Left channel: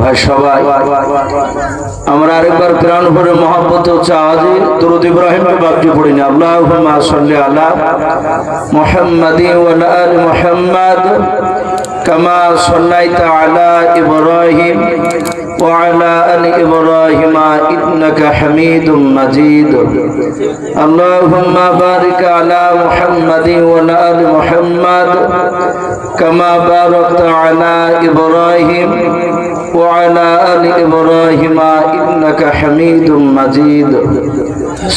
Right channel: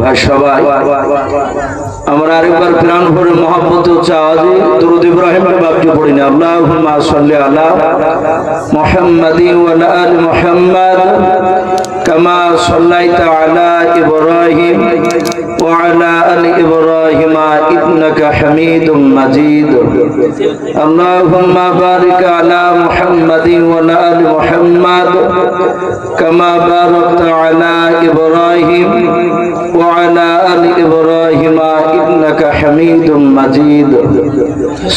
ভাই সবাই আমরা আরেকবার প্রাণ ভরে মহব্বত ও চাওয়াজে দরুদ ইব্রাহিমকে বাক্য পড়ি না। আল্লাহুম্মা সাল্লি আলা মুহাম্মাদিন ওয়া আলা আলি মুহাম্মাদ কামা সাল্লাইতা আলা ইব্রাহিম ওয়া আলা আলি ইব্রাহিম ইন্নাকা হামিদুম মাজিদ। আল্লাহুম্মা বারিক আলা মুহাম্মাদিন ওয়া আলা আলি মুহাম্মাদ কামা বারাকতা আলা ইব্রাহিম وعلى آل إبراهيم إنك حميد مجيد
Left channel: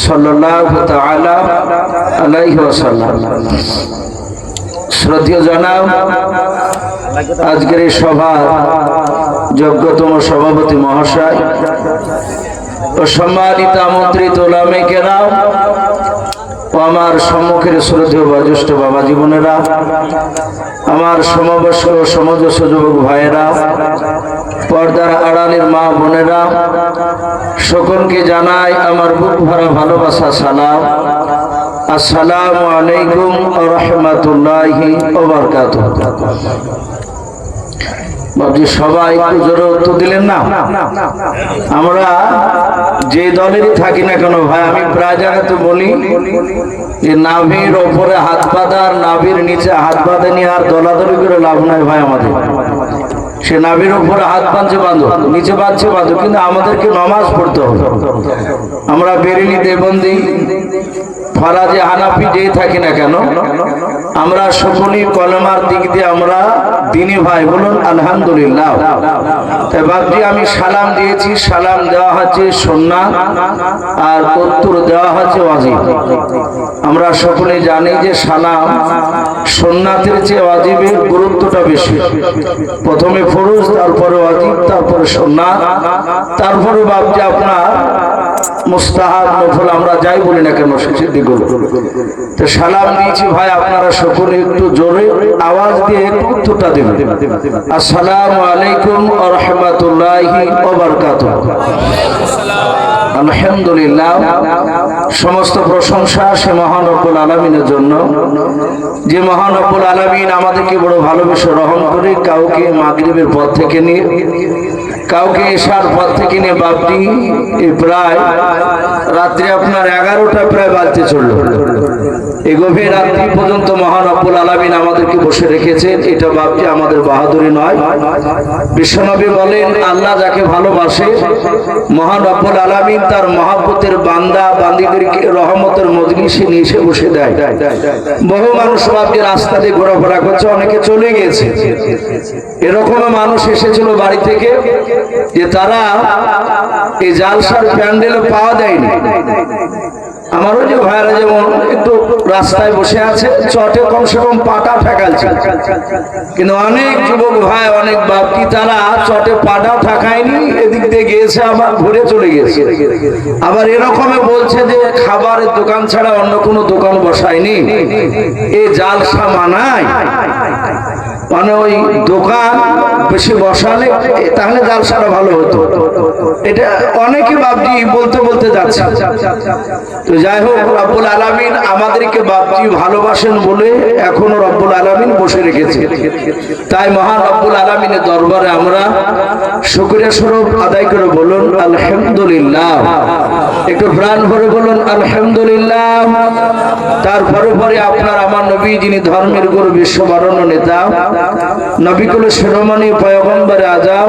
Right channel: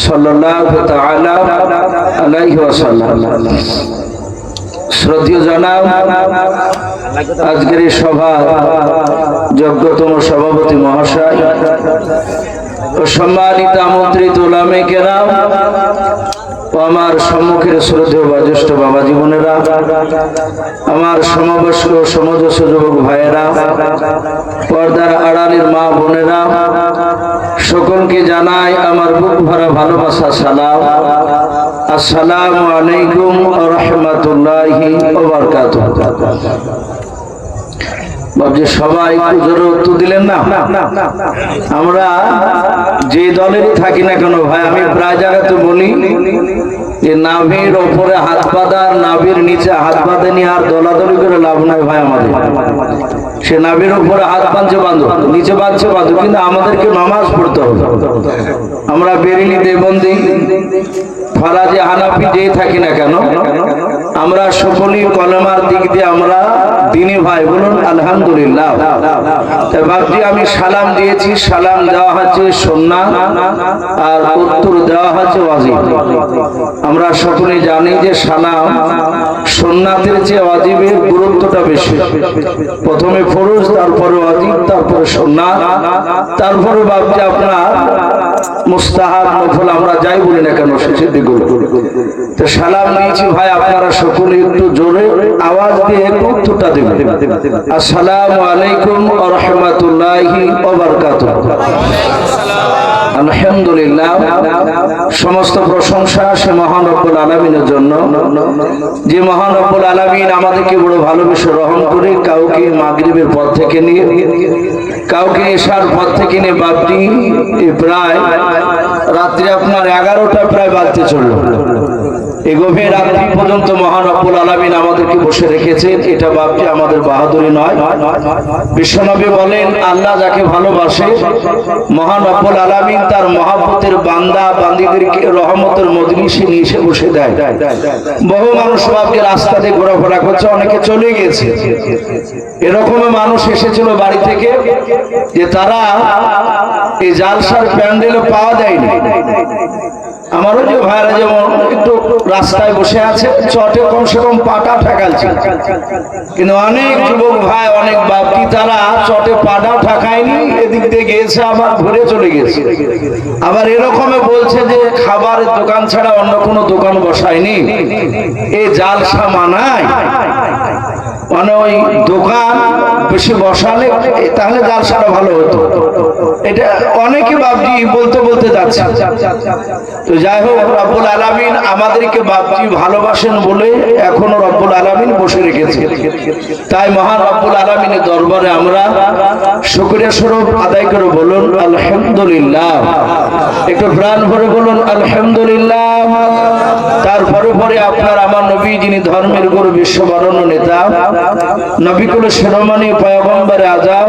صلى الله تعالى عليه وسلم। শ্রদ্ধেয় জনাব, আজকের এই সভার যোগ্যতম সভাপতি মহাশয় ও সম্মানিত আমন্ত্রিত উলামায়ে কেরাম ও আমার সম্মুখের শ্রদ্ধেয় বয়োজ্যেষ্ঠ বাবা জীবনেরা, আমার সমবয়স্ক ও সমজস্ব যুবক ভাইয়েরা, পর্দার আড়ালের মা বোনেরা, সকলকে জানাই আমার বুক ভরা ভালোবাসা সালাম। আসসালামু আলাইকুম ওয়া রাহমাতুল্লাহি ওয়া বারাকাতুহু। বাবজি সবাই একটু জোরে উত্তর দিলেন না? আমরা যে দলেরই থাকি না কেন ভাই, আমি প্রায় জায়গাতে বলি যে নাভির ওপরে হাত বাঁধা আর নাভির নিচে হাত বাঁধা নিয়ে আর দলাদলি করে লাভ নাই ভাই। আমাদের সে নাভির উপরে হাত বাঁধছে বাঁধো, নিচে বাঁধছে বাঁধো, কিন্তু আমাদেরকে নামাজ পড়তে হবে। আমরা বেরেলি, দেবন্দি, ফারাজে, হানাফি যেই থাকি না কেন, আমরা সকলেই কলমার দিক দিয়ে আমরা দিনী ভাই। বলুন আলহামদুলিল্লাহ। তাই বাপজি আমি সালাম দিয়েছি, সালাম দেওয়া হচ্ছে সুন্নাত আর উত্তর দেওয়া হচ্ছে ওয়াজিব। আমরা সকলে জানি যে সালাম সুন্নাতের চেয়ে ওয়াজিবের গুরুত্বটা বেশি। প্রথমে ফরজ, তারপরে ওয়াজিব, তারপরে সুন্নাত, তারপরে বাপজি আপনার মুস্তাহাব, নফল, আমরা যাই বলি না কেন শেষের দিকগুলো। তো সালাম দিয়েছি ভাই, আপনারা সকলে একটু জোরে আওয়াজ দিয়ে উত্তরটা দেবেন। আসসালামু আলাইকুম ওয়া রাহমাতুল্লাহি ওয়া বারাকাতুহু। আলহামদুলিল্লাহ, সমস্ত প্রশংসা সে মহান রব্বুল আলামিনের জন্য, যে মহান রব্বুল আলামিন আমাদেরকে বড় ভালোবেসে রহম করে কাউকে মাগরিবের পর থেকে নিয়ে, কাউকে এশার পর থেকে নিয়ে বাপটি প্রায় রাত্রি আপনার 11টা প্রায় বাজতে চলল। এই গভীর রাত্রি পর্যন্ত মহান রব্বুল আলামিন আমাদেরকে বসে রেখেছেন। এটা বাপটি আমাদের বাহাদুরি নয়। বিশ্বনবী বলেন, আল্লাহ যাকে ভালোবাসে মহান রব্বুল আলামিন তার মহব্বতের বান্দা বান্দীদেরকে রহমতের মজলিসে নিয়ে এসে বসে দেয়। বহু মানুষ বাপকে রাস্তা দিয়ে ঘোরাফেরা করছে, অনেকে চলে গেছে। এরকম মানুষ এসেছিল বাড়ি থেকে যে তারা এই জালসার প্যান্ডেলে পাওয়া যায়নি। আমার ওই যে ভাইরা যেমন একটু রাস্তায় বসে আছে, চটে কমসে কম পাটা ঠেকালছে, কিন্তু অনেক যুবক ভাই, অনেক বাপটি তারা চটে পাটা ঠেকায়নি, এদিক দিয়ে গিয়েছে আবার ঘুরে চলে গেছে। আবার এরকমে বলছে যে খাবারের দোকান ছাড়া অন্য কোনো দোকান বসায়নি। এই জালসা মানায়, মানে ওই দোকান বেশি বসালে তাহলে জালসাটা ভালো হতো। এটা অনেকে বাপজি বলতে বলতে যাচ্ছে। তো যাই হোক, রব্বুল আলামিন আমাদেরকে বাপজি ভালোবাসেন বলে এখনো রব্বুল আলামিন বসে রেখেছে। তাই মহান রব্বুল আলামিনের দরবারে আমরা শুকরিয়া স্বরূপ আদায় করে বলুন আলহামদুলিল্লাহ। একটু প্রাণ ভরে বলুন আলহামদুলিল্লাহ। তারপরে পরে আপনার আমার নবী, যিনি ধর্মের গুরু, বিশ্ববরণ্য নেতা, নবিকুল শিরোমণি পয়গম্বর আজম,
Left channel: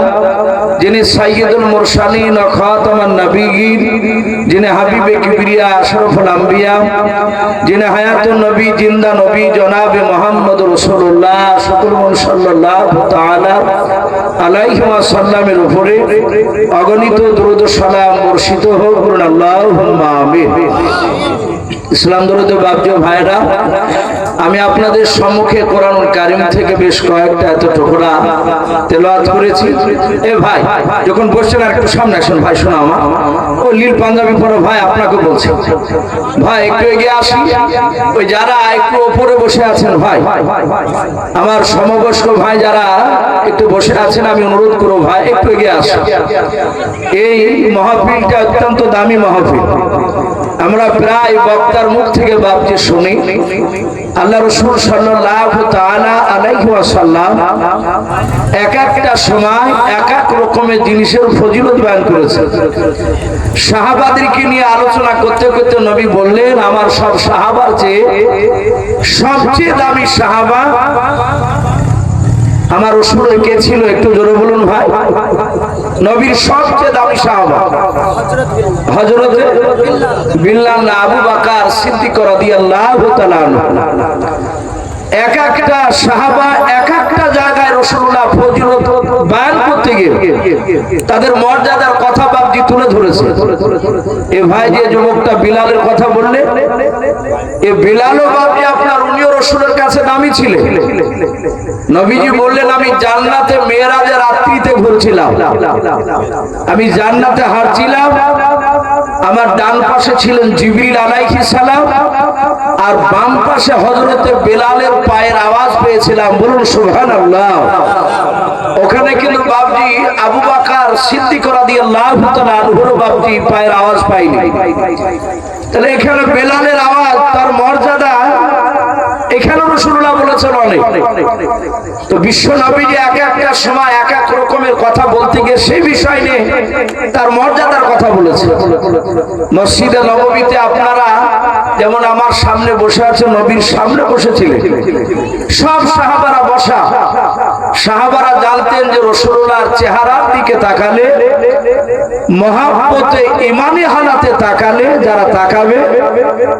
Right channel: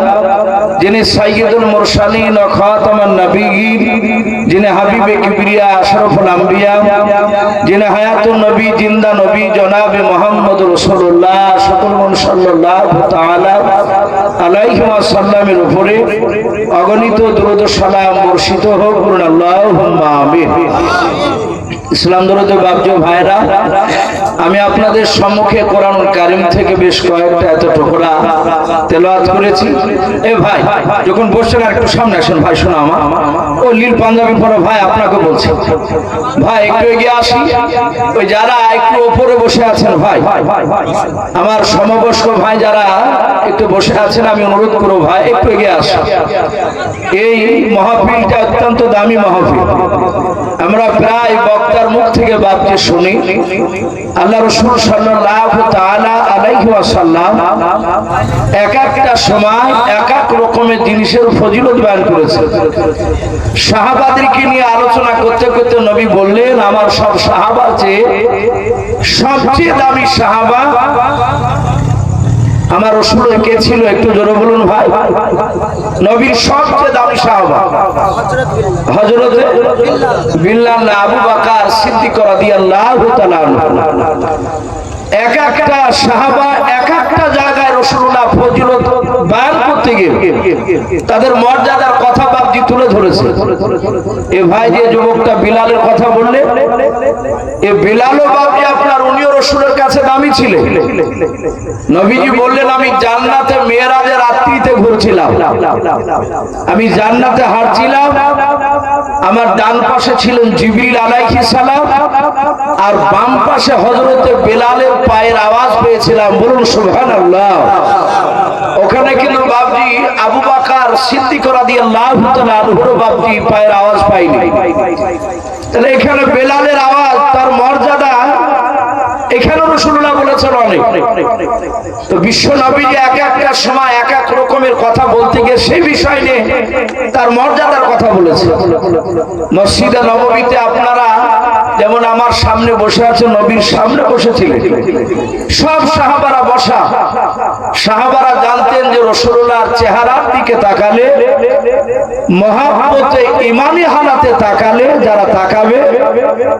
যিনি সাইয়্যিদুল মুরসালিন ও খাতামুন নবিয়্যিন, যিনি হাবিবে কিবরিয়া আশরাফুল আম্বিয়া, যিনি হায়াতুন নবী, জিন্দা নবী জনাবে মুহাম্মদুর রাসূলুল্লাহ সাল্লাল্লাহু তাআলা আলাইহি ওয়াসাল্লামের উপরে অগণিত দরুদ ও সালাম বর্ষিত হোক। বলুন আল্লাহুম্মা আমিন। ইসলাম দরুদ বাপজি ভাইরা, আমি আপনাদের সম্মুখে কোরআনুল কারীম থেকে বেশ কয়েকটা এত টুকরা তেলাওয়াত করেছি। এ ভাই যখন বসছেন আর একটু সামনে আসেন ভাই, শোনা আমার ও নীল পাঞ্জাবি পরা ভাই আপনাকে বলছি, ভাই একটু এগিয়ে আসি। ওই যারা একটু উপরে বসে আছেন ভাই, আমার সমবয়স্ক ভাই যারা একটু বসে আছেন, আমি অনুরোধ করব ভাই একটু এগিয়ে আসেন। এই মাহফিলটা অত্যন্ত দামি মাহফিল। আমরা প্রায় বক্তার মুখ থেকে বাপকে শুনি আল্লাহ রাসূল সাল্লাল্লাহু তাআলা আলাইহি ওয়াসাল্লাম এক একটা সময় এক এক রকমের জিনিসের ফজিলত বয়ান করেছেন। সাহাবাদেরকে নিয়ে আলোচনা করতে করতে নবী বললেন, আমার সব সাহাবার চেয়ে সবচেয়ে দামি সাহাবা আমার রাসূলের কে ছিল? একটু জোরে বলুন ভাই। নবীর সবচেয়ে দামি সাহাবা হযরত বিল্লাল না আবু বকর সিদ্দিক রাদিয়াল্লাহু তাআলা আনহু। এক একটা সাহাবা এক একটা জায়গায় রাসূলুল্লাহ ফজিলত বয়ান করতে গিয়ে তাদের মর্যাদার কথা বাপজি তুলে ধরেছে। এ ভাই যে যুবকটা বিলালের কথা বললে, এ বিলালও বাপজি আপনার উনিও রাসূলের কাছে দামি ছিলেন। নবীজি বললেন, আমি জান্নাতে মেরাজের রাত্রিতে ঘুরছিলাম, আমি জান্নাতে হাঁটছিলাম, আমার ডান পাশে ছিলেন জিবরিল আলাইহিস সালাম আর বাম পাশে হযরতে বেলালের পায়ের আওয়াজ পেয়েছিলাম। বলুন সুবহানাল্লাহ। ওখানে কিন্তু বাপজি আবু বকর সিদ্দিক রাদিয়াল্লাহু তাআলা আনহুর বাপজি পায়ের আওয়াজ পাইনি। তাহলে এখানে বেলালের আওয়াজ, তার মর্যাদা এখানে রাসূলুল্লাহ বলেছেন অনেক। তো বিশ্ব নবীজি এক একটা সময় এক এক রকমের কথা বলতে গিয়ে সেই বিষয় নিয়ে তার মর্যাদার কথা বলেছে। মসজিদে নববীতে আপনারা যেমন আমার সামনে বসে আছে, নবীর সামনে বসেছিলেন, সব সাহাবারা বসা। সাহাবারা জানতেন যে রাসূলুল্লাহর চেহারার দিকে তাকালে, মহাব্বতে ঈমানি হালাতে তাকালে যারা তাকাবে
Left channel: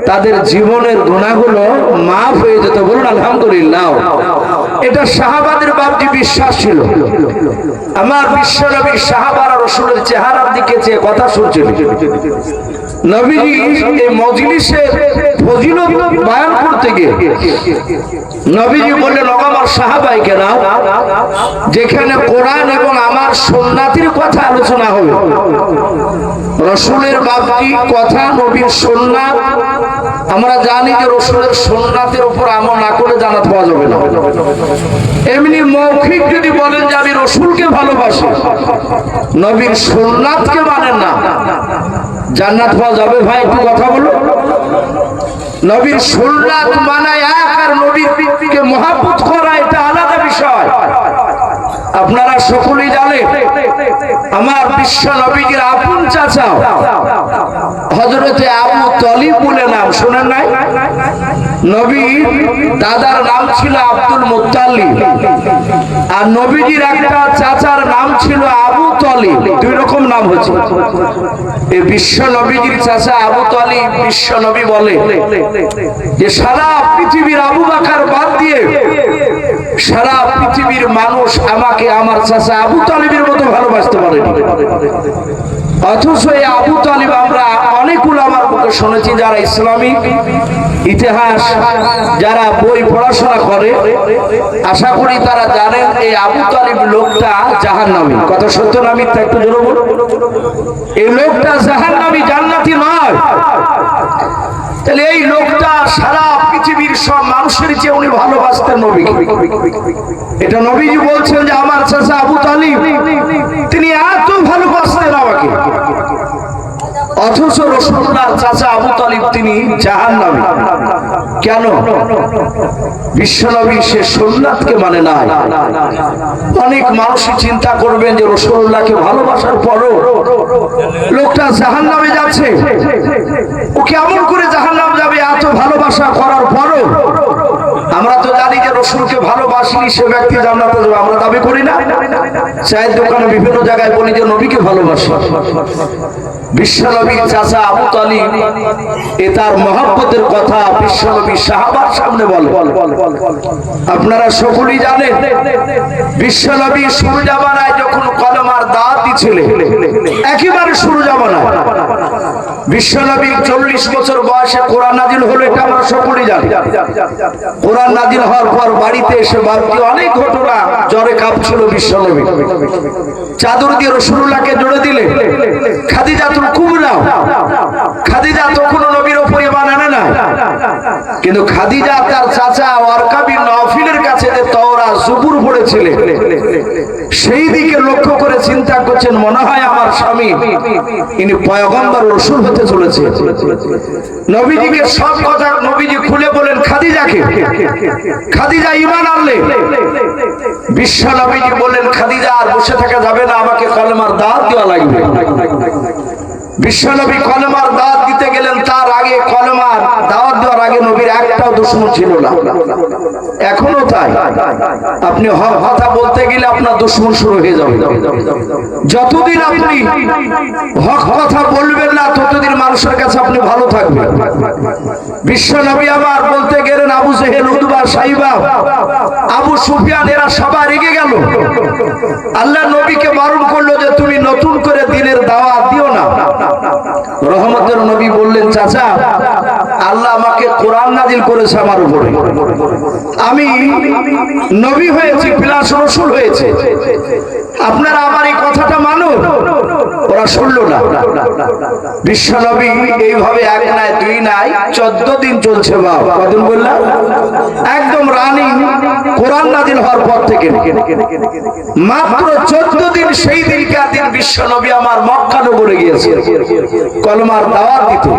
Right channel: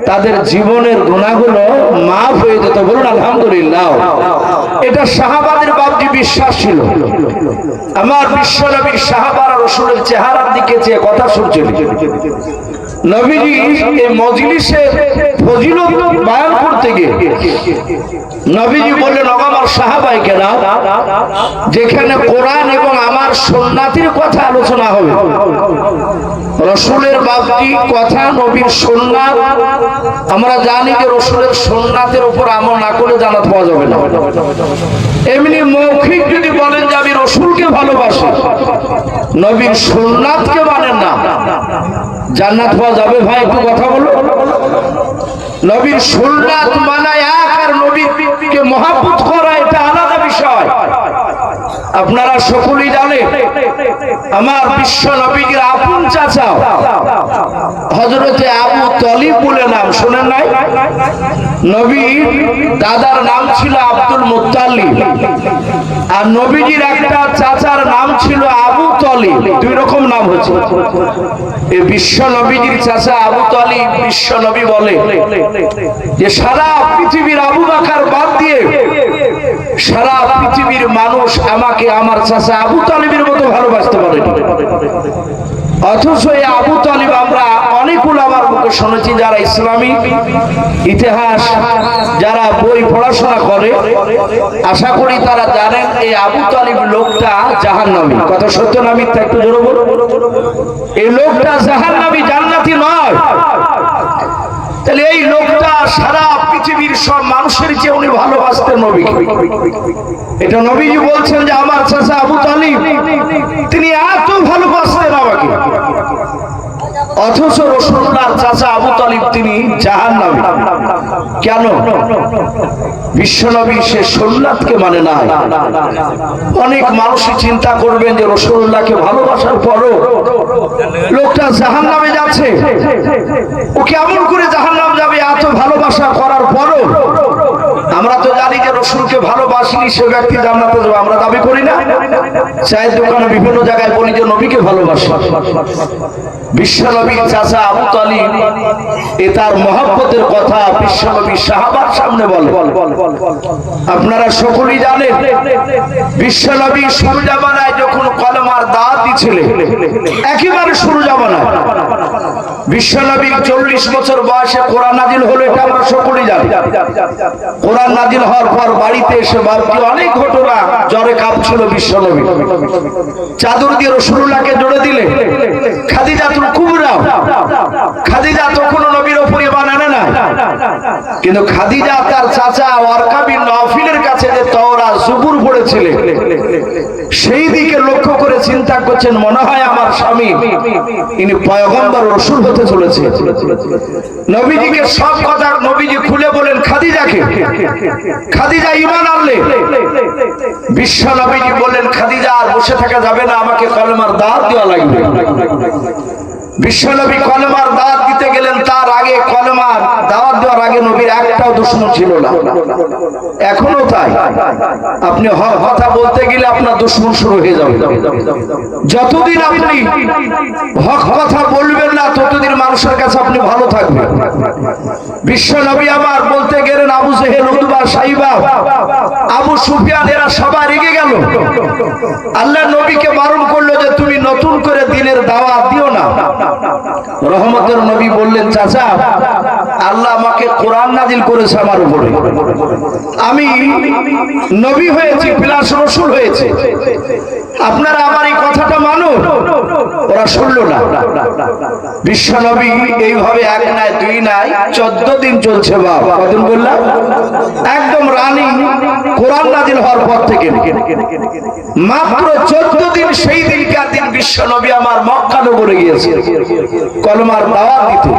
তাদের জীবনের গুনাহগুলো মাফ হয়ে যেত। বলুন আলহামদুলিল্লাহ। এটা সাহাবাদের বাপজি বিশ্বাস ছিল। আমার বিশ্ব নবী সাহাবারা রাসূলের চেহারার দিকে চেয়ে কথা শুনছিলেন। নবীজি এই মজলিসে ফজিলত বয়ান করতে গিয়ে নবীজি বললেন, আমার সাহাবাই কেন, যেখানে কোরআন এবং আমার সুন্নাতের কথা আলোচনা হবে, রাসূলের বাপজি কথা নবীর সুন্নাত, আমরা জানি যে রাসূলের সুন্নাতের উপর আমল না করলে জান্নাত পাওয়া যাবে না। এমনি মৌখিক যদি বলেন যে আমি রাসূলকে ভালোবাসি, নবীর সুন্নাতকে মানেন না, জান্নাত পাওয়া যাবে? ভাই একটু কথা বলো। নবীর সুন্নাত মানা এক, আর নবীকে মহব্বত করা এটা আলাদা বিষয়। আপনারা সকলেই জানেন আমার বিশ্ব নবীজির আপন চাচা হযরতে আবু তালিব বলে নাম, শুনেন নাই? নবীর দাদার নাম ছিল আব্দুল মুত্তালিব, আর নবীজির একটা চাচার নাম ছিল আবু তালিব। দুই রকম নাম হচ্ছে। এই বিশ্ব নবীজির চাচা আবু তালিব, বিশ্ব নবী বলে যে সারা পৃথিবীর আবু বকর বাদ দিয়ে সারা পৃথিবীর মানুষ আমাকে আমার চাচা আবু তালিবের মতো ভালোবাসতে পারেনি। অথচ এই আবু তালিব আমরা অনেক উলামার মুখে শুনেছি, যারা ইসলামিক ইতিহাস যারা বই পড়াশোনা করে, আশা করি তারা জানেন এই আবু তালিব লোকটা জাহান্নামী। কথা সত্য না মিথ্যা? একটু জোরে বলুন। এই লোকটা জাহান্নামী, জান্নাতি নয়। তাহলে এই লোকটা সারা পৃথিবীর সব মানুষের চেয়ে উনি ভালোবাসতেন নবীকে। এটা নবীজি বলছেন যে আমার চাচা আবু তালিব তিনি এত ভালোবাসতেন আমাকে, অথচ রাসূলুল্লাহর চাচা আবু তালিব তিনি জাহান্নামী। কেন? বিশ্বনবী সে সুন্নাতকে মানে নাই। অনেক মানুষই চিন্তা করবেন যে রাসূলুল্লাহকে ভালোবাসার পরও লোকটা জাহান্নামে যাচ্ছে, ও কেমন করে জাহান্নাম যাবে এত ভালোবাসা করার পরও? আমরা তো জানি যে রাসূলকে ভালোবাসিনি সে ব্যক্তি জান্নাতে যাবে, আমরা দাবি করি না? চায়ের দোকানে বিভিন্ন জায়গায় বলি যে নবীকে ভালোবাসি। বিশ্বনবীর চাচা আবু তালিব এ তার মহব্বতের কথা বিশ্বনবী সাহাবার সামনে বলে। আপনারা সকলেই জানেন বিশ্বনবী শুরু জামানায় যখন কলেমার দাওয়াত দিছিলেন, একেবারে শুরু জামানায় বিশ্বনবীর 40 বছর বয়সে কোরআন নাজিল হলো, এটা আমরা সকলেই জানি। কোরআন নাজিল হওয়ার পর বাড়িতে এসে বাপজি অনেক ঘটনা, জ্বরে কাঁপছিল বিশ্বনবী, চাদর দিয়ে রাসূলুল্লাহকে জড়ে দিলে। খাদিজাতুল কুবরা, খাদিজা তখনও নবীর উপর ঈমান আনে না, কিন্তু খাদিজা তার চাচা ওয়ারকা বিন নওফিলের কাছে যে তাওরাত জবুর পড়েছিলেন, সেই দিকে লক্ষ্য করে চিন্তা করছেন, মনে হয় আমার স্বামী ইনি পয়গম্বর রাসূল হতে চলেছে। নবীজিকে সব কথা নবীজি খুলে বলেন খাদিজাকে। খাদিজা ঈমান আনলে। বিশ্ব নবীজি বললেন, খাদিজা আর বসে থাকা যাবে না, আমাকে কলেমার দাওয়াত দেওয়া লাগবে। বিশ্বনবী কলেমার দাওয়াত দিতে গেলেন, তার আগে কলেমার দাওয়াত দেওয়ার আগে নবীর একটাও দুশমন ছিল না, এখনো তাই। আপনি হক কথা বলতে গেলে আপনার দুশমন শুরু হয়ে যাবে। যতদিন আপনি হক কথা বলবেন না ততদিন মানুষের কাছে আপনি ভালো থাকবেন। বিশ্বনবী আমার বলতে গেলেন, আবু জেহেল, উতবা, সাইবা, আবু সুফিয়ান এরা সবাই রেগে গেল। আল্লাহ নবীকে বারণ করলো যে তুমি নতুন করে দিনের দাওয়াত দিও না। রহমতের নবী বললেন, চাচা আল্লাহ আমাকে কোরআন নাজিল করেছে আমার উপরে, আমি নবী হয়েছি প্লাস রাসূল হয়েছে, আপনারা আমার এই কথাটা মানুন। ওরা শুনলো না। বিশ্ব নবী এইভাবে এক নাই দুই নাই 14 দিন চলছে। বাবা কদিন বললাম? একদম রানিং কোরআন নাজিল হওয়ার পর থেকে মাত্র 14 দিন। সেই দিনকার দিন বিশ্ব নবী আমার মক্কা নগরে গিয়েছে কলমার দাওয়াত দিতে।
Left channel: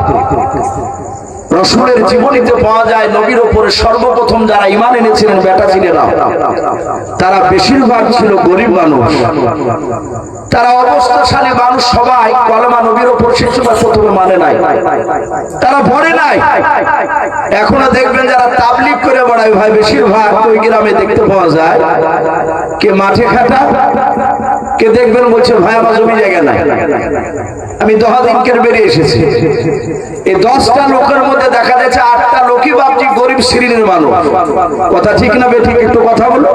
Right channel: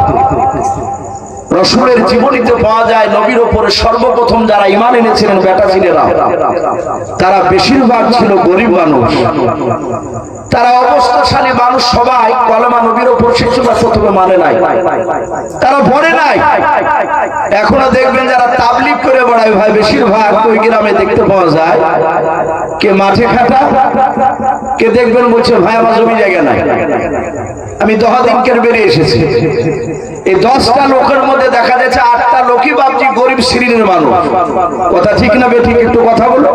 রাসূলের জীবনীতে পাওয়া যায় নবীর উপরে সর্বপ্রথম যারা ঈমান এনেছিলেন বেটা ছেলেরা, তারা বেশিরভাগ ছিল গরিব মানুষ। তারা অবস্থাশালী মানুষ, সবাই কলমা নবীর উপর শিশুরা প্রথমে মানে নাই, তারা পড়ে নাই। এখনো দেখবেন যারা তাবলীগ করে বেড়ায় ভাই, বেশিরভাগ ওই গ্রামে দেখতে পাওয়া যায় কে মাঠে খাটা, কে দেখবেন বলছে ভাই আমার জমি জায়গা নাই। আমি 10 দিনকের বেরিয়ে এসেছি, এই 10টা লোকের মধ্যে দেখা যাচ্ছে 8টা লোকই বাপজি গরিব শ্রেণীর মানুষ। কথা ঠিক না বেঠিক? একটু কথা বলো।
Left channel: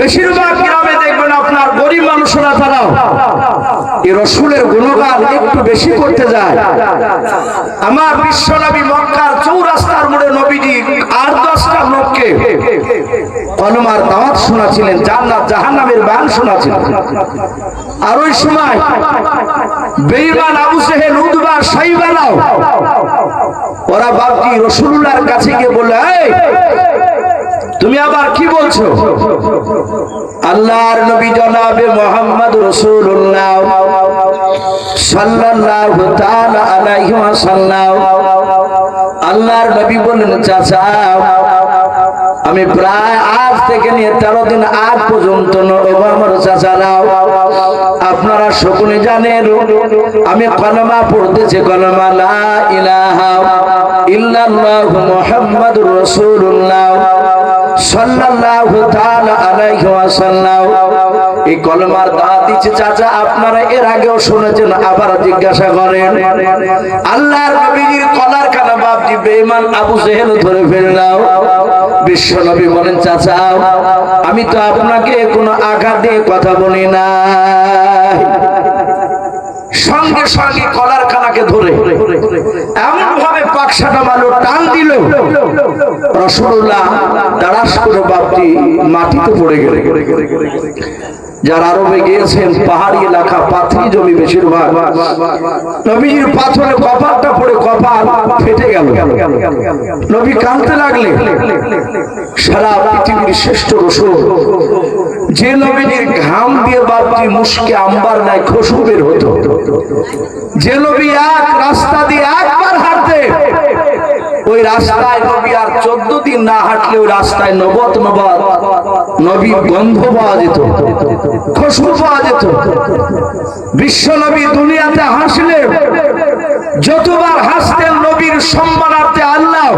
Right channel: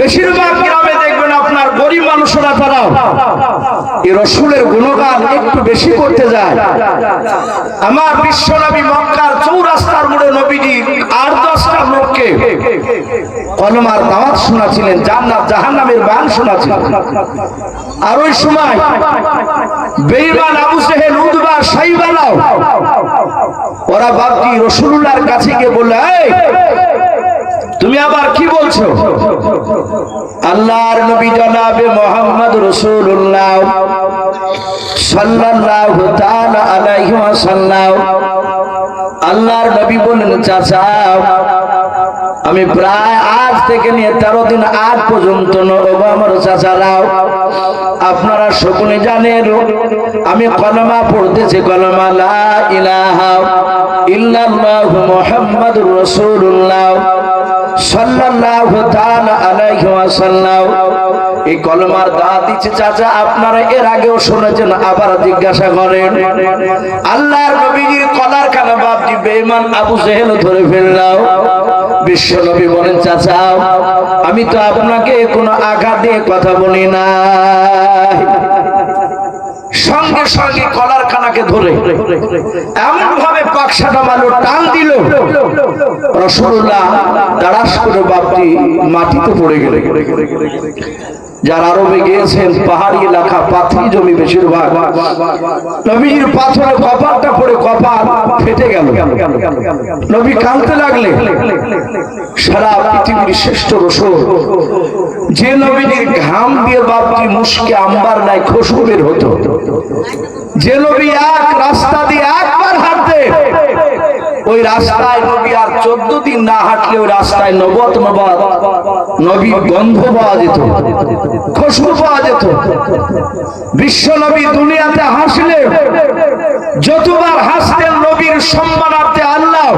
বেশিরভাগ গ্রামে দেখবেন আপনার গরিব মানুষরা, তারা এই রাসূলের গুণগান একটু বেশি করতে যায়। আমার বিশ্বনবী মক্কার চৌরাস্তার মোড়ে নবীজি 8-10টা লোককে কলমার দাওয়াত শোনাচ্ছিলেন, জান্নাত জাহান্নামের বায়ান শোনাচ্ছিলেন। আর ওই সময় বেঈমান আবু জেহেল, উতবা, সাইবালাও ওরা বাপজি রাসূলুল্লাহর কাছে গিয়ে বলল, এই তুমি আবার কি বলছো? আল্লাহর নবী জনাবে মুহাম্মদ রাসূলুল্লাহ সাল্লাল্লাহু তাআলা আলাইহি ওয়াসাল্লাম, আল্লাহর নবী বললেন, চাচা আমি প্রায় আজ থেকে নিয়ে 13 দিন আগ পর্যন্ত আমার চাচারাও আপনারা সকলে জানেন আমি কলমা পড়তেছি, কলমা লা ইলাহা ইল্লাল্লাহু মুহাম্মাদুর রাসূলুল্লাহ সাল্লাল্লাহু তাআলা আলাইহি ওয়াসাল্লাম। এই কলমার দাওয়াত দিচ্ছে চাচা, আপনারা এর আগেও শুনেছেন, আবার জিজ্ঞাসা করেন। আল্লাহর নবীজির কলার খানা বাপজি বেঈমান আবু জেহেল ধরে ফেললাম। বিশ্ব নবী বলেন, চাচা আমি তো আপনাকে কোনো আঘাত দিয়ে কথা বলি না। সঙ্গে সঙ্গে কলার খানাকে ধরে এমন ভাবে পাকসাটা মারলো, টান দিল, রাসূলুল্লাহ তাড়াশ করে বাপটি মাটিতে পড়ে গেলে। যারা আরবে গিয়েছেন পাহাড়ি এলাকা, পাথরি জমি বেশিরভাগ, নবীর পাথরে কপালটা পড়ে কপাল ফেটে গেল। নবী কাঁদতে লাগলে। সারা পৃথিবীর শ্রেষ্ঠ রাসূল, যে নবীর ঘাম দিয়ে বাপটি মুশকে আম্বার নাই খুশবু বের হতো, যে নবী এক রাস্তা দিয়ে একবার হাঁটতে ওই রাস্তায় নবী আর 14 দিন না হাঁটলে ওই রাস্তায় নবত নবত নবীর গন্ধ পাওয়া যেত, খুশবু পাওয়া যেত। বিশ্ব নবী দুনিয়াতে হাসলে যতবার হাসতেন নবীর সম্মানার্থে আল্লাহ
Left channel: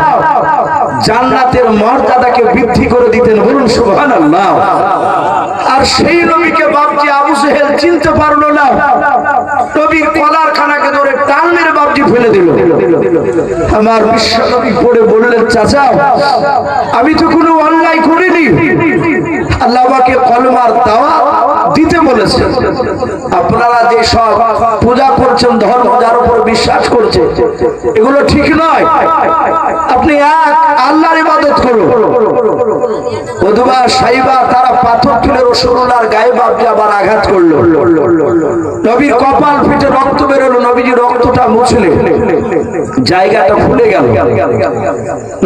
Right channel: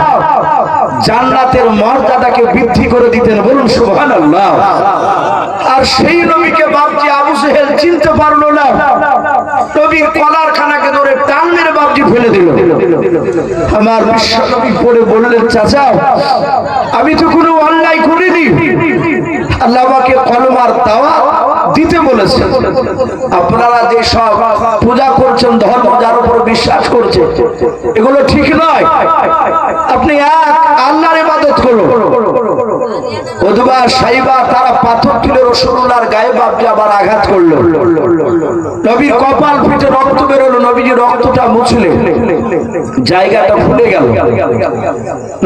জান্নাতের মর্যাদাকে বৃদ্ধি করে দিতেন। বলুন সুবহানাল্লাহ। আর সেই নবীকে বাপজি আবু জেহেল চিনতে পারলো না, নবীর কলার খানাকে ধরে টান মেরে বাপজি ফেলে দিল। আমার বিশ্ব নবী পড়ে বললেন, চাচা আমি তো কোনো অন্যায় করিনি, আল্লাহ আমাকে কলমার দাওয়াত দিতে বলেছেন। আপনারা যে সব পূজা করছেন, ধর্ম যার উপর বিশ্বাস করছে, এগুলো ঠিক নয়। আপনি এক আল্লাহর ইবাদত করুন, উদবা সাইবা তারা পাথর তুলে রাসূলুল্লাহর গায়ে বাপজি আবার আঘাত করলো। নবীর কপাল ফেটে রক্ত বেরোলো। নবীজি রক্তটা মুছলে জায়গাটা ফুলে গেল।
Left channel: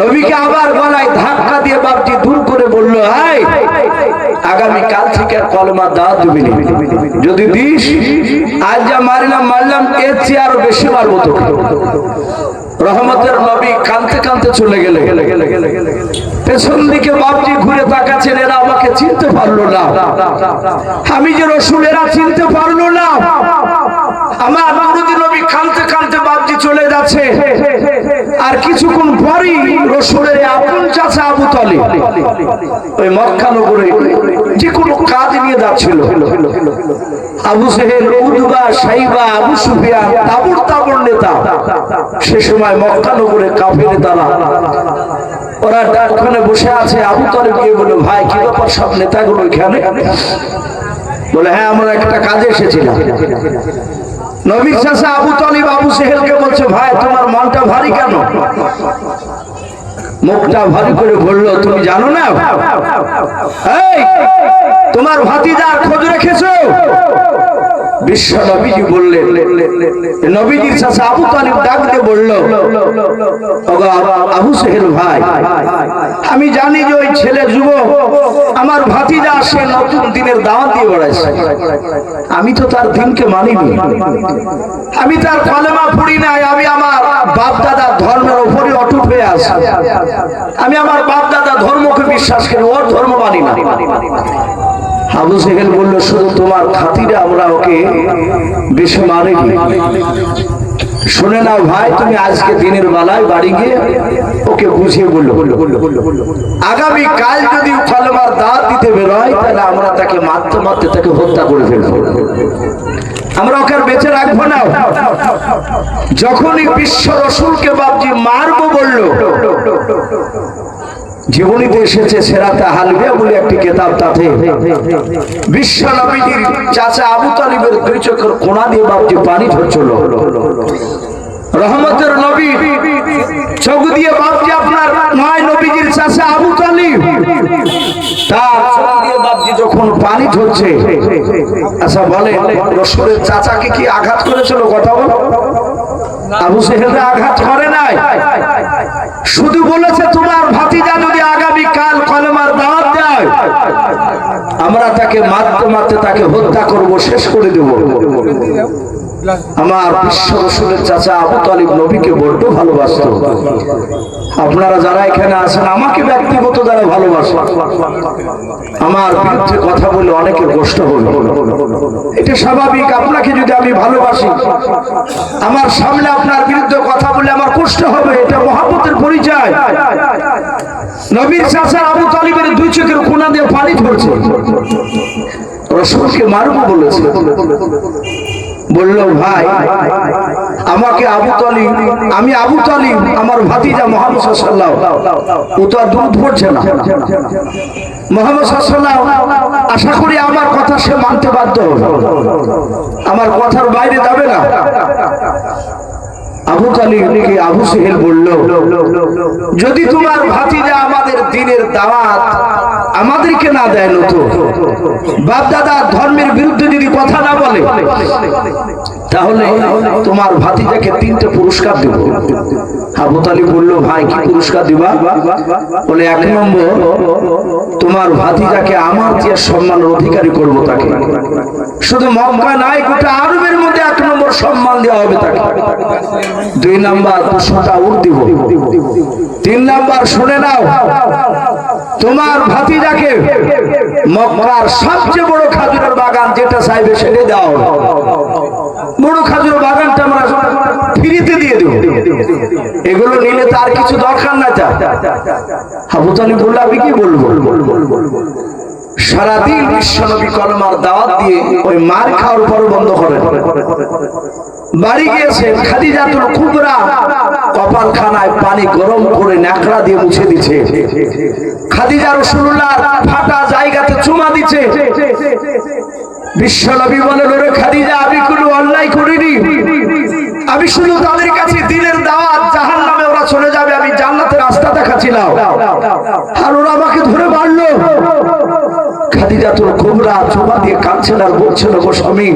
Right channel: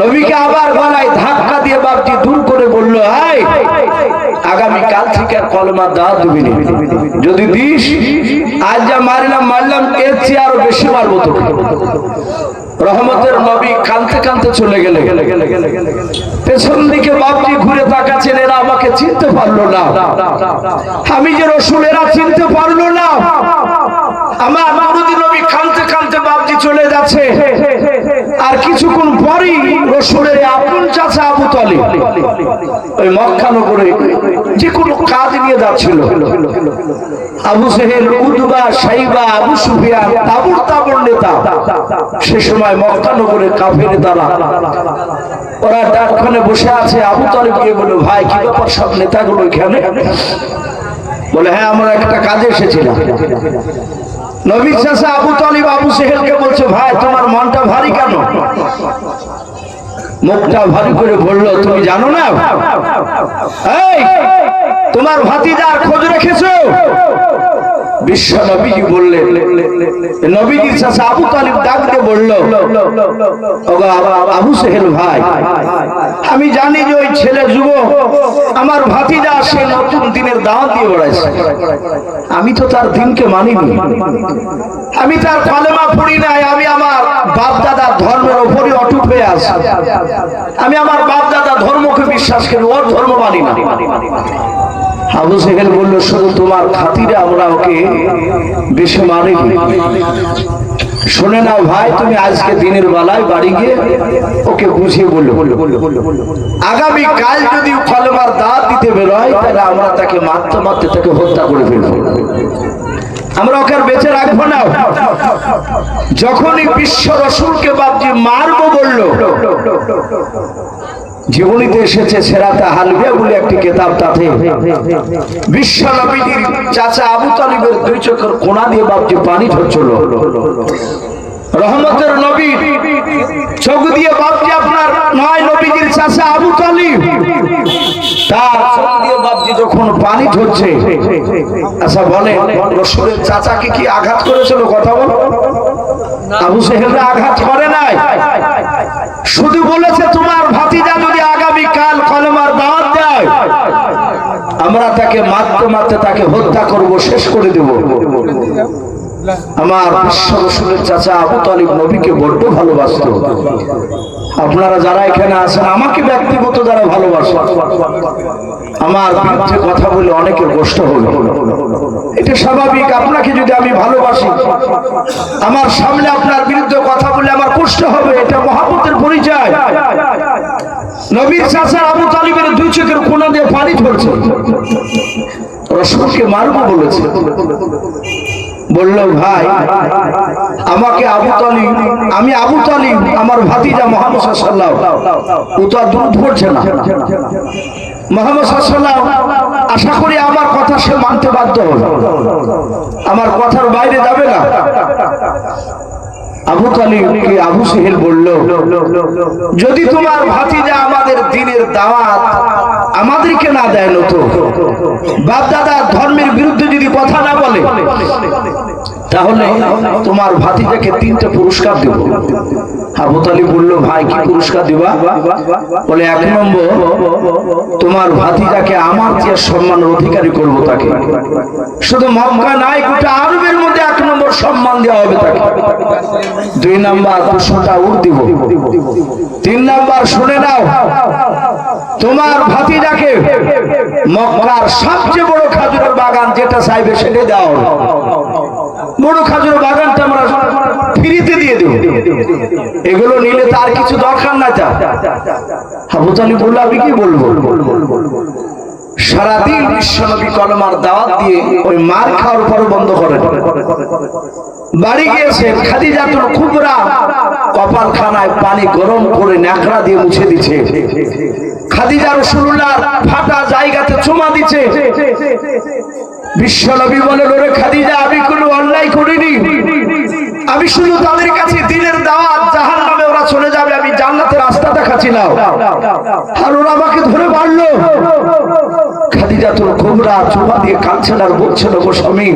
নবীকে আবার গলায় ধাক্কা দিয়ে বাপজি দূর করে বলল, এই আগামী কাল থেকে আর কলমা দাওয়াত দিবি না, যদি দিস আজ যা মারলাম এর চেয়ে আরো বেশি মারবো তোকে। রহমতের নবী কাঁদতে কাঁদতে চলে গেলে। পেছন দিকে বাপজি ঘুরে তাকাচ্ছেন, এরা আমাকে চিনতে পারলো না, আমি যে রাসূল এরা চিনতে পারলো না। আমার নবী নবী কাঁদতে কাঁদতে বাপজি চলে যাচ্ছে। আর কিছুক্ষণ পরেই রাসূলের আপন চাচা আবু তালিব ওই মক্কা নগরে যে কোনো কাজ নিয়ে যাচ্ছিল। আবু জেহেল, উতবা, সাইবা, আবু সুফিয়ান তাবড় নেতা। সে সময় মক্কা নগরে কাফের দ্বারা ওরা ডাকখানে বসে আছে। আবু তালিব গিয়ে বলে, ভাই কি ব্যাপার সব নেতাগুলো এখানে? বলে, হ্যাঁ আমরা একটা কাজে এসেছিলাম। নবীর চাচা আবু তালিব আবু জেহেলকে বলছে, ভাই তোমার মনটা ভারী কেন? মুখটা ভারী করে বলল, তুমি জানো না এই তোমার ভাতিজার খোঁজ রেখেছো? বিশ্ব নবীজি বললেন। নবীজির চাচা আবু তালিব ডাক দিয়ে বলল, আবু জেহেল ভাই, আমি জানি যে ওই ছেলে যুবক আমার ভাতিজা সে নতুন দিনের দাওয়াত দিয়ে বেড়াইছে। আমি তো তার দিনকে মানিনি, আমি তার কালেমা পড়ি নাই, আমি আমার বাপ দাদার ধর্মের উপরে অটুট হয়ে আছি। আমি আমার বাপ দাদা ধর্মকে বিশ্বাস করি, ওর ধর্ম মানি না। আবু জেহেল বলল, শুধু তোমার খাতিরে আমরা ওকে বেশি মারিনি। শুনে নাও ভাই, তুমি আজকে দিনের বেলায় বাড়ি গিয়ে ওকে বুঝিয়ে বললো, আগামী কাল যদি কলেমার দাওয়াত দিতে বেরোয় তাহলে আমরা তাকে মারতে মারতে তাকে হত্যা করে ফেলবো, আমরা ওকে বেঁচে রাখবো না। যখনই বিশ্ব রাসূলকে বাপজি মারবো বললো, জীবনীতে এসেছে সেরাতে হালবিয়া বলে একটি কিতাব, তাতে বিশ্ব নবীজির চাচা আবু তালিবের দুই চোখের কোনা দিয়ে বাপজি পানি ঝরছিল। রহমতের নবী চোখ দিয়ে বাপজি আপনার নয় নবীজির চাচা আবু তালিব তার চোখ দিয়ে বাপজি যখন পানি ঝরছে। আচ্ছা বলে, রাসূলের চাচাকে কি আঘাত করেছিল? কথা বল। আবু জেহেলরা আঘাত করে নাই, শুধু বলেছে তোমার ভাতিজা যদি আগামী কাল কলেমার দাওয়াত দেয় আমরা তাকে মারতে মারতে তাকে হত্যা করব, শেষ করে দেব। আমার বিশ্ব রাসূলের চাচা আবু তালিব নবীকে বড্ড ভালোবাসত। আপনারা যারা এখানে আছেন, আমাকে ব্যক্তিগত যারা ভালোবাসেন, আমার বিরুদ্ধে কথা বলে অনেকের কষ্ট হবে, এটা স্বাভাবিক। আপনাকে যদি আমি ভালোবাসি, আমার সামনে আপনার বিরুদ্ধে কথা বলে আমার কষ্ট হবে, এটা মহব্বতের পরিচয়। নবীর চাচা আবু তালিবের দুই চোখের কোনা দিয়ে পানি ঝরছে। রাসূলকে মারবো বলেছে, বলল ভাই আমাকে আবু তালিব, আমি আবু তালিব আমার ভাতিজা মুহাম্মদ সাল্লাল্লাহু আলাইহি ওয়াসাল্লাম, ও তো আর দুধ পড়ছে না। মুহাম্মদ সাল্লাল্লাহু আলাইহি ওয়াসাল্লাম আশা করি আমার কথা সে মানতে বাধ্য হবে, আমার কথার বাইরে যাবে না। আবু তালিবকে আবু জেহেল বলল, যদি তোমার ভাতিজা আমাদের দ্বীনের দাওয়াত আমাদেরকে না দেয়, নতুন বাপ দাদার ধর্মের বিরুদ্ধে যদি কথা না বলে, তাহলে তোমার ভাতিজাকে 3টে পুরস্কার দেব। আবু তালিব বলল, ভাই কি পুরস্কার দিবা? বলে, 1 নম্বর তোমার ভাতিজাকে আমার যে সম্মানের অধিকারী করব তাকে, শুধু মক্কা নাই গোটা আরবের মধ্যে 1 নম্বর সম্মান দেওয়া হবে তাকে। 2 নম্বর 200টা উট দিব। 3 নম্বর শুনে নাও, তোমার ভাতিজাকে মক্কার সবচেয়ে বড় খাজুরের বাগান যেটা চাইবে সেটাই দেওয়া হবে। বড় খাজুরের বাগানটা আমরা ফ্রিতে দিয়ে দেব, এগুলো নিলে তার কিছু দরকার নাই। তা আবু তালিব বলল, আমি কি বলবো? সারাদিন বিশ্বনবী কলমার দাওয়াত দিয়ে ওই মার খাওয়ার পর বন্ধ করেন। বাড়ি গিয়েছেন, খাদিজাতুল কুবরা কপালখানায় পানি গরম করে ন্যাকড়া দিয়ে মুছে দিচ্ছে। খাদিজা রাসূলুল্লাহর ফাটা জায়গাতে চুমা দিচ্ছে। বিশ্বনবী বলেন, ওরে খাদিজা, আমি কোনো অন্যায় করিনি, আমি শুধু তাদের কাছে দ্বীনের দাওয়াত, জাহান্নামে ওরা চলে যাবে আমি জান্নাতের রাস্তা দেখাচ্ছিলাম, আর ওরা আমাকে ধরে মারলো। খাদিজাতুল কুবরা চোপা দিয়ে কাঁদছেন আর বলছেন, গো স্বামী,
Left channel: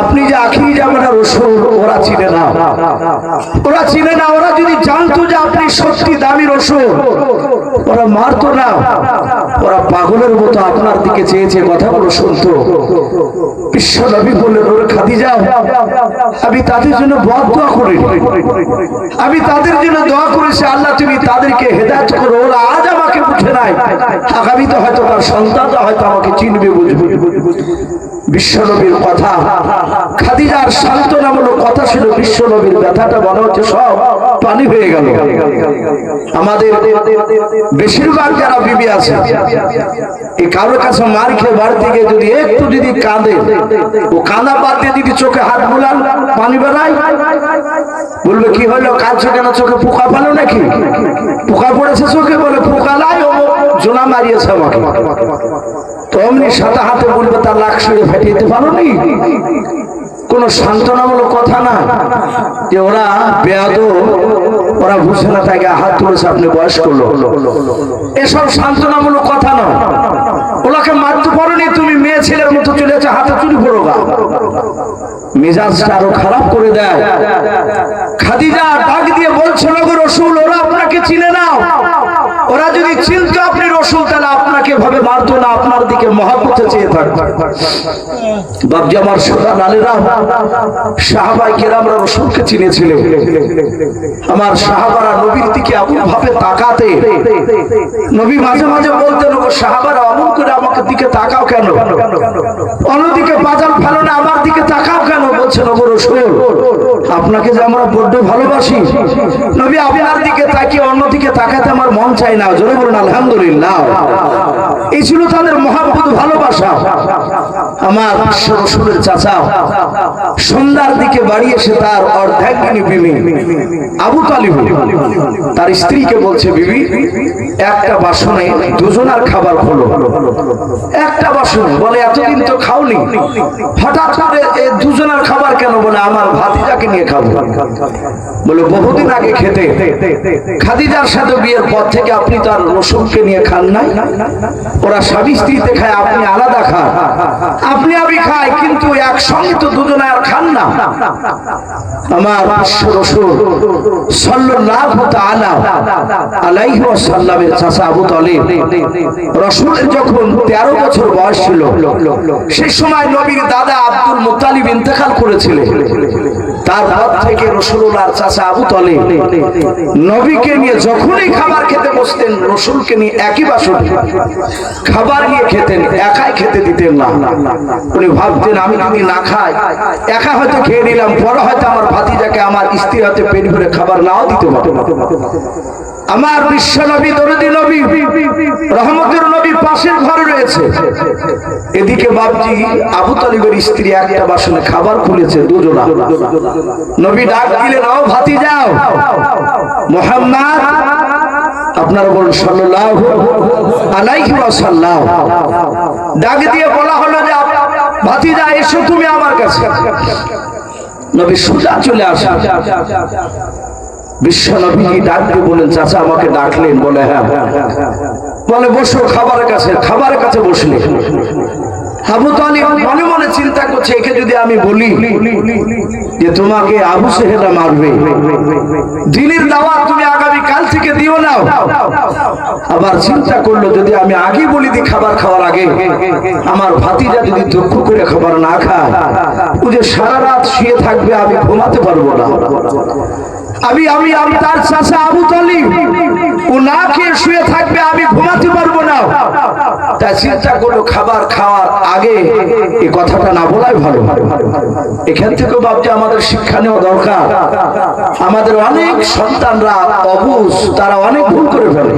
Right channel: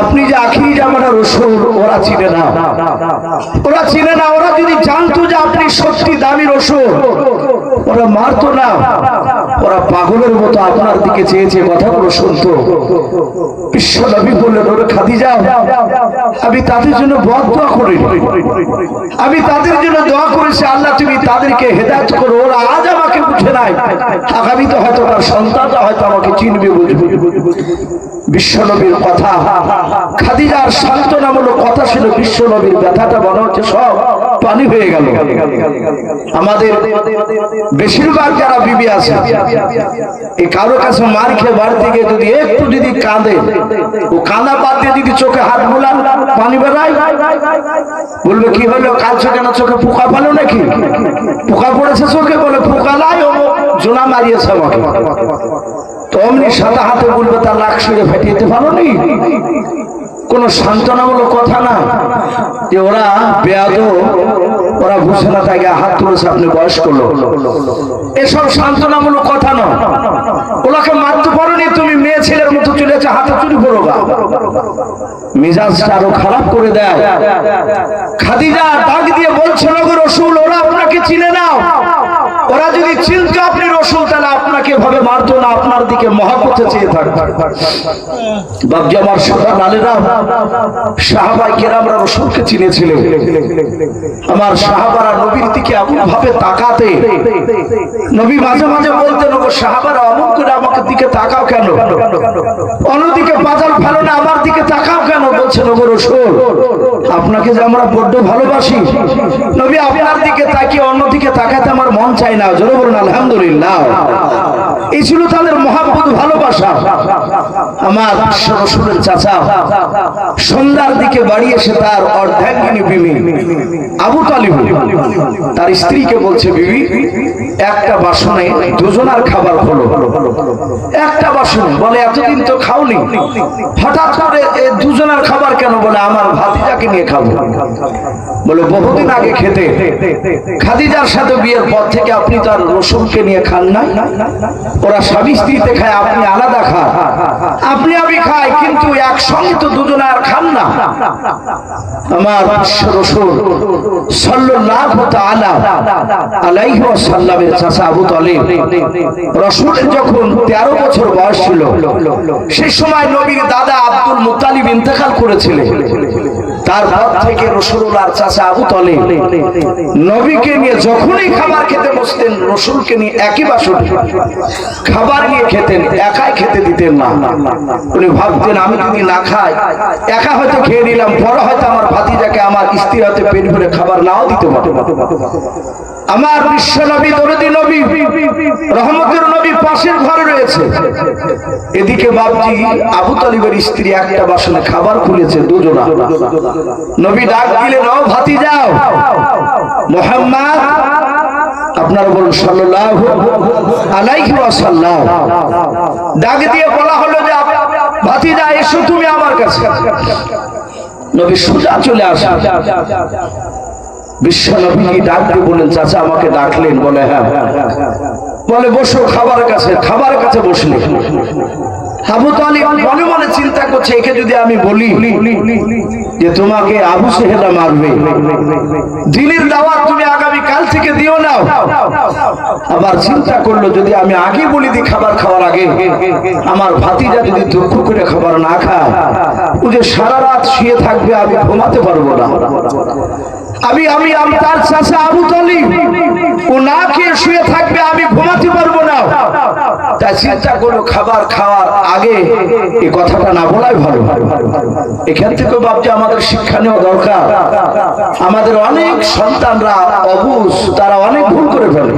আপনি যে আখিরি জামানার রাসূল, ওরা চিনে না, ওরা চিনে না। ওরা যদি জানতো যে আপনি সত্যি দামি রাসূল, ওরা মারতো না। ওরা পাগলের মতো আপনার দিকে চেয়েছে, কথাগুলো শুনতো। বিশ্ব নবী বললেন, ওরে খাদিজা, আমি তাদের জন্য দোয়া করি, আমি তাদের জন্য দোয়া করেছি, আল্লাহ তুমি তাদেরকে হেদায়েত করো। ওরা আজ আমাকে বুঝে নাই, আগামীতে হয়তো আমার সন্তানরা হয়তো আমাকে চিনবে, বুঝবে। বিশ্ব নবীর কথা, খাদিজার সান্ত্বনামূলক কথা ছিল। বিশ্ব নবীর ব্যথাটা মনে হচ্ছে সব পানি হয়ে গেল। আমাদের বেশিরভাগ যারা বিবি আছে, এই কারো কাছে মার খেয়ে বাড়িতে গিয়ে যদি একটু যদি কাঁদে, ও কাঁদা বাদ দিয়ে যদি চোখে হাত বুলান, পানি বেড়ায়, বলবে কি হলো, কাঁদছো কেন, চোখে পোকা ফেলো নাকি, পোকা পড়েছে চোখে, বলে পোকা লাই, ও জোনা মারিয়েছে আমাকে। তো অমনি সাদা হাতে বলবে তার লাখ সুরে ফেটিয়ে দিতে পারো নি। কোন সান্ত্বনামূলক কথা না, যে ওরা বেয়াদব, ওরা বুঝে না, তাই হাত তুলেছে, আপনি বয়স করলো, এসব সান্ত্বনামূলক কথা নয়। ওনাকে মারতে পারোনি, তুমি মেয়ে ছেলের মতো চলেছে, হাতে চুরি করো গা, মেজাজটা আরো খারাপ করে দেয়। খাদিজা ডাক দিয়ে বলছে, নগো রাসূল, ওরা আপনাকে চিনে না, ওরা যদি চিনতো আপনি রাসূল, তাহলে আপনাকে ভাবে মারতো না, আপনার দিকে মহব্বতে চেয়ে থাকতো। বাপজি আমার সোনা লালেরা, সাহাবায়ে কেরামরা রাসূলকে চিনেছিলেন। আমার সাহাবারা নবীর দিকে এমন ভাবে তাকাতে, নবী মাঝে মাঝে বলতেন, ও সাহাবারা অমন করে আমাকে দিকে তাকাও কেন, অন্যদিকে বাজার ফেলো না, আমার দিকে তাকাও কেন। বলছেন, ওগো রাসূল, আপনাকে যে আমরা বড্ড ভালোবাসি, নবী আপনার দিকে তাকিয়ে অন্যদিকে তাকাতে আমার মন চায় না। জোরে বলুন আলহামদুলিল্লাহ। এই ছিল তাদের মহব্বত, ভালোবাসা। আমার রাসূলের চাচা সন্ধ্যার দিকে বাড়ি এসে তার অর্ধাঙ্গিনী বিবি আবু তালিব তার স্ত্রীকে বলছে, বিবি, একটা বাসনে দুজনার খাবার খোলো, একটা বাসনে। বলে, এতদিন তো খাওনি, হঠাৎ করে দুজনের খাবার কেন? বলে, আমার ভাতিজাকে নিয়ে খাবো। বলে, বহুদিন আগে খেতে, খাদিজার সাথে বিয়ের পর থেকে আপনি তো আর রাসূলকে নিয়ে খান নাই, ওরা স্বামী স্ত্রীতে খায়, আপনি আলাদা খান, আপনি আমি খাই, কিন্তু একসঙ্গে তো দুজনে আর খান না। আমার রাসূল সাল্লাল্লাহু তাআলা আলাইহি ওয়াসাল্লামের চাচা আবু তালিব, রাসূলের যখন 13 বছর বয়স ছিল, সেই সময় নবীর দাদা আব্দুল মুত্তালিব ইন্তেকাল করেছিলেন। তারপর থেকে রাসূলুল্লাহর চাচা আবু তালিব নবীকে নিয়ে যখনই খাবার খেতে বসতেন, রাসূলকে নিয়ে একই বাসনে খাবার নিয়ে খেতেন, একাই খেতে দিতেন না। উনি ভাবতেন, আমি যদি না খাই, একা হয়তো খেয়ে নিলাম, পরে হয়তো আমার ভাতিজাকে, আমার স্ত্রী হয়তো পেট ভরে খাবার নাও দিতে পারে। আমার বিশ্ব নবী, দরদি নবী, রহমতের নবী পাশের ঘরে রয়েছে। এদিকে বাপজি আবু তালিবের স্ত্রী একটা বাসনে খাবার খুলেছে, দুজনা। নবী ডাক দিলেন, ও ভাতিজাও মুহাম্মদ, আপনারা বলুন সাল্লাল্লাহু আলাইহি ওয়াসাল্লাম। ডাক দিয়ে বলা হলো যে, ভাতিজা এসো তুমি আমার কাছে। নবী সোজা চলে আসে। বিশ্ব নবী ডাক দিয়ে বললেন, চাচা আমাকে ডাকলেন? বলে, হ্যাঁ। বলে, বসো খাবারের কাছে। খাবারের কাছে বসলে আবু তালিব মনে মনে চিন্তা করছে, একে যদি আমি বলি যে তোমাকে আবু সেহেলা মারবে, দিনের দাওয়াত তুমি আগামী কাল থেকে দিও না। আবার চিন্তা করলো, যদি আমি আগে বলি দিই খাবার খাওয়ার আগে, আমার ভাতিজা যদি দুঃখ করে খাবার না খায়, ও যে সারা রাত শুয়ে থাকবে, আমি ঘুমাতে পারবো না। আমি তার চাচা আবু তালিব, ও না খেয়ে শুয়ে থাকবে, আমি ঘুমাতে পারবো না। তাই চিন্তা করলো, খাবার খাওয়ার আগে এই কথাটা না বলাই ভালো। এখান থেকে বাপজি আমাদের শিক্ষা নেওয়া দরকার। আমাদের অনেক সন্তানরা অবুঝ, তারা অনেক ভুল করে ফেলে।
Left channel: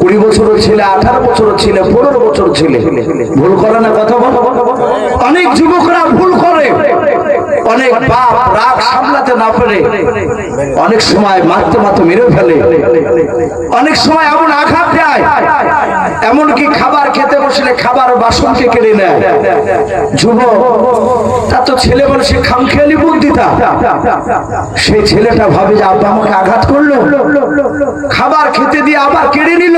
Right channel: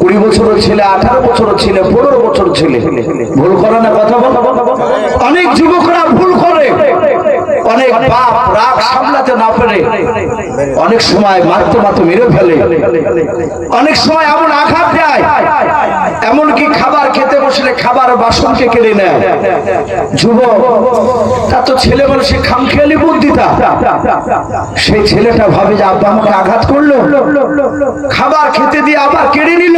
20 বছরের ছেলে, 18 বছরের ছেলে, 15 বছর ছেলে ভুল করে না, কথা বল। অনেক যুবকরা ভুল করে, অনেক বাপ রাগ সামলাতে না পেরে অনেক সময় মারতে মারতে মেরে ফেলে, অনেক সময় এমন আঘাত দেয়, এমনকি খাবার খেতে বসলে খাবার বাসনকে কেড়ে নেয়। যুবক, তা তো ছেলে মানুষ খামখেয়ালি বুদ্ধিটা, সেই ছেলেটা ভাবে যে আব্বা আমাকে আঘাত করলো, খাবার খেতে দিয়ে আবার কেড়ে নিল,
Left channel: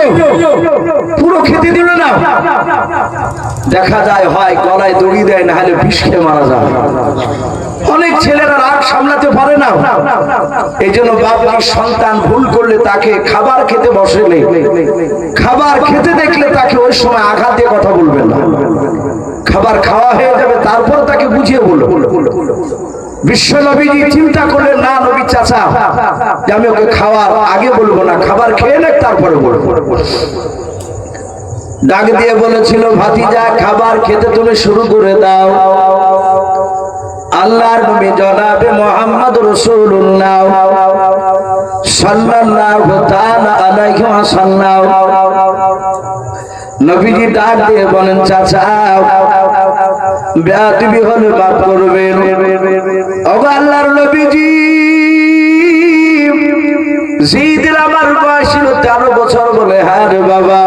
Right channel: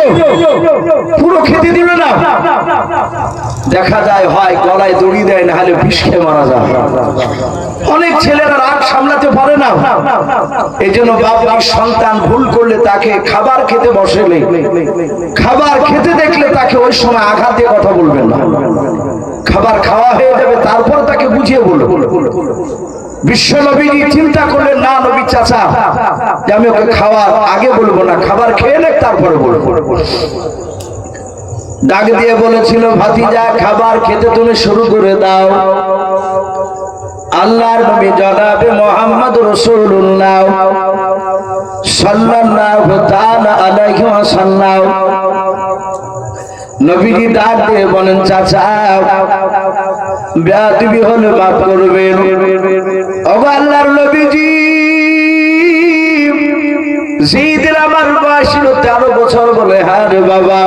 পুরো খেতে দিল না। দেখা যায় হয় গলায় দড়ি দেয়, না হলে বিষ খেয়ে মারা যায়। অনেক ছেলেরা রাগ সামলাতে পারে না, এই জন্য বাবা সন্তান ভুল করলে তাকে খাবার খেতে বসলে, খাবার খেতে দেখলে তাকে ওই সময় আঘাত দিয়ে কথা বলবেন না। খাবার খাওয়া হয়ে যাবে, তারপর তাকে বুঝিয়ে বলল। বিশ্ব নবীজি চিন্তা করলেন, না নবী চাচা, যে আমি ওকে খাওয়ার আগে বলবো না, খাবার খেয়ে নে তারপরে বলবো। ডাক দিয়ে বলেছিল, ভাতিজা খাবার খেতে তুমি শুরু করে দাও। আল্লাহর নবী জনাবে মুহাম্মদ রাসূলুল্লাহ সাল্লাল্লাহু তাআলা আলাইহি ওয়াসাল্লাম নবীজি ডাক দিয়ে বলেন, চাচা বেয়াদবি হলে মাফ করবেন। ওগো আল্লাহর নবীজি, যেদিন আমার বয়স ছিল 13 বছর বলে, হ্যাঁ রে বাবা,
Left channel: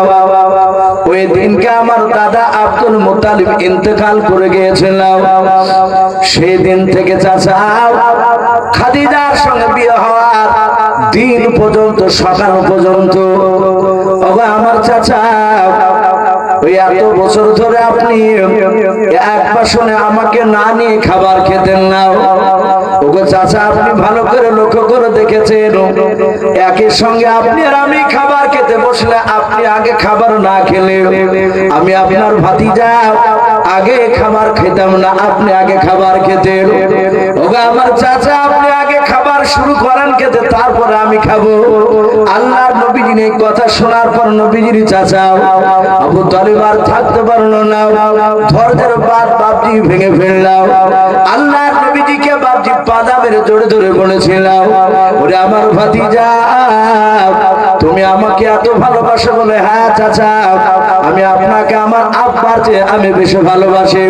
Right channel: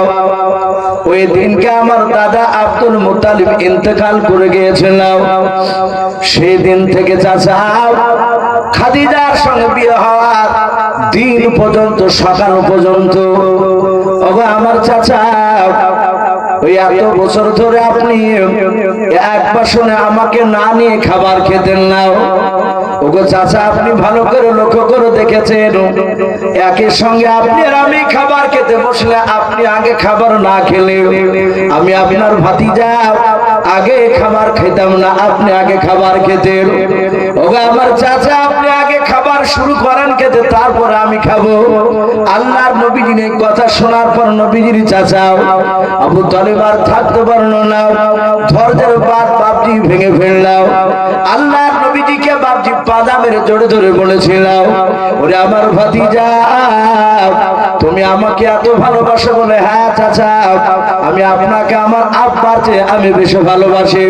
ওই দিনকে আমার দাদা আব্দুল মুত্তালিব ইন্তেকাল করে গিয়েছিলাম। সেই দিন থেকে চাচা খাদিজার সঙ্গে বিয়ে হওয়ার দিন পর্যন্ত, সকাল পর্যন্ত, ওগো আমার চাচা, ওই এত বছর ধরে আপনি এক বাসনে আমাকে না নিয়ে খাবার খেতেন না। ওগো চাচা, আপনি ভালো করে লক্ষ্য করে দেখেছেন, একই সঙ্গে আপনি আর আমি খাবার খেতে বসলে আপনি আগে খাবার না খেলে আমি আপনার ভাতিজা আগে খাবার খেতাম না, আপনি আগে খাবার খেতেন। ওগো আমার চাচা, আপনি আগে খাবার শুরু করেন খেতে, তারপরে আমি খাবো। আল্লাহর নবীজির এই কথা শোনার পর নবীজির চাচা আবু তালিব আর থাকতে পারলো না, ধৈর্যের বাদ বাপজি ভেঙে ফেললাম। আল্লাহর নবীজিকে বাপজি পাদা মেরে জোরে ধরে বলেছিলাম, ওরে আমার ভাতিজা, তুমি আমাকে এত ভালোবাসো বলে, হ্যাঁ চাচা, আমি আপনাকে আমার আব্বার চেয়ে আমি বেশি ভালোবাসি।